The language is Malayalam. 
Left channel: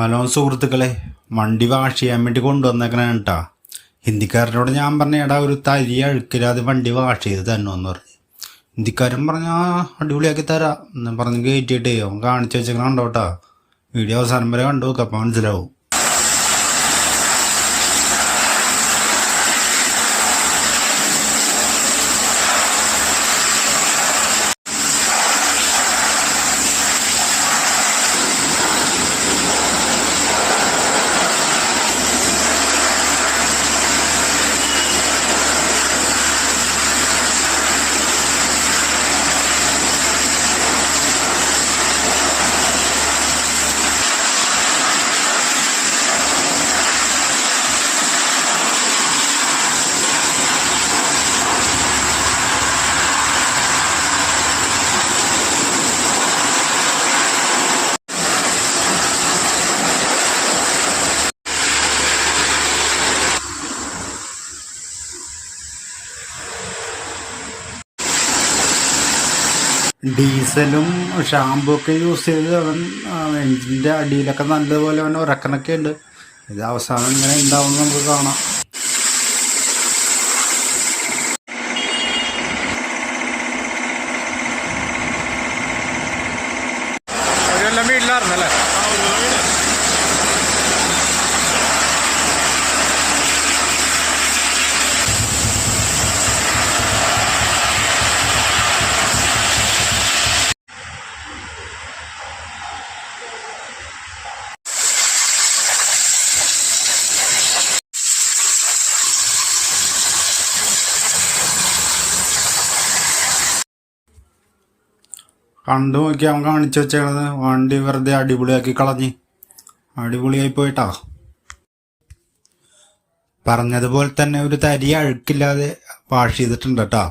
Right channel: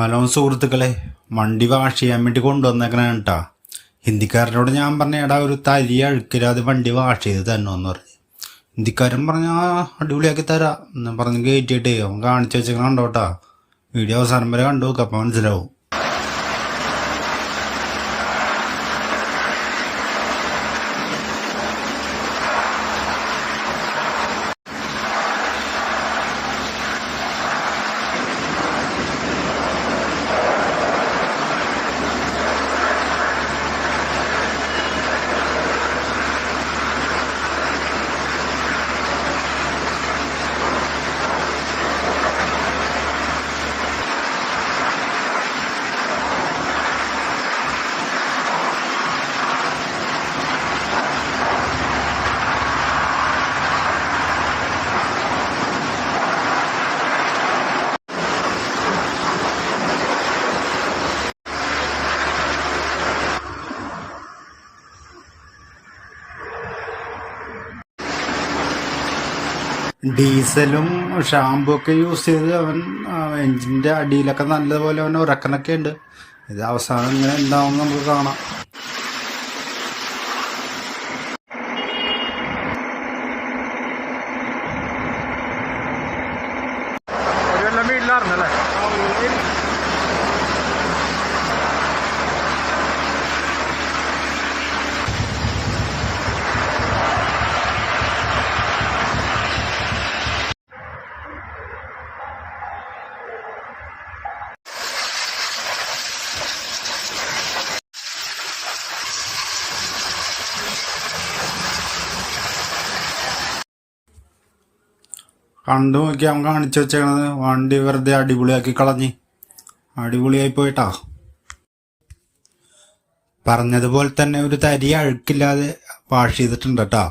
ഹലോ സുഹൃത്തുക്കളെ, വണ്ടി വാഷ് ചെയ്യാൻ വേണ്ടി കൊണ്ടുവന്നേക്കണ കേട്ടാ. ഹിന്ദിക്കാരനോട് ഞാൻ പറഞ്ഞ എടാ ഒരു തരി അഴുക്കില്ലാതെ വണ്ടി വാഷ് ചെയ്ത് തന്നോന്ന് പറഞ്ഞു. ഹിന്ദിക്കാരൻ പറഞ്ഞ അടിപൊളിയാക്കി തരാം എന്ന് പറഞ്ഞ് കയറ്റിയിട്ടേ അവൻ കാണിച്ചു വെച്ചേക്കണ കണ്ടോട്ടാ. വീഡിയോ അവസാനം വരെ കണ്ടു നോക്കാം, അപ്പം മനസ്സിലാവും. ഡീസലും ഷാമ്പു ഒക്കെ യൂസ് ചെയ്ത് അവൻ എഞ്ചിൻ്റെ അടിയിലൊക്കെ നല്ലതുപോലെ അവൻ ഉരക്കണൊക്കെ ഉണ്ട്. ഇത് അവസാനം ഇങ്ങനെ എന്താവുമെന്ന് നമുക്ക് കാണാം. വീട്ടിലായിരുന്നല്ലേ? കണ്ടു നോക്കി അവൻ കാണിച്ചു വെച്ചേക്കണത് വണ്ടി വെറുതെ അടിപൊളിയാക്കി കളഞ്ഞ്. അടിപൊളിയായി പോയിട്ടാ. പറഞ്ഞതുപോലെ തന്നെ ഒരു തരി അഴുക്കില്ലാതെ വാഷ് ചെയ്തിട്ടുണ്ട് കേട്ടോ.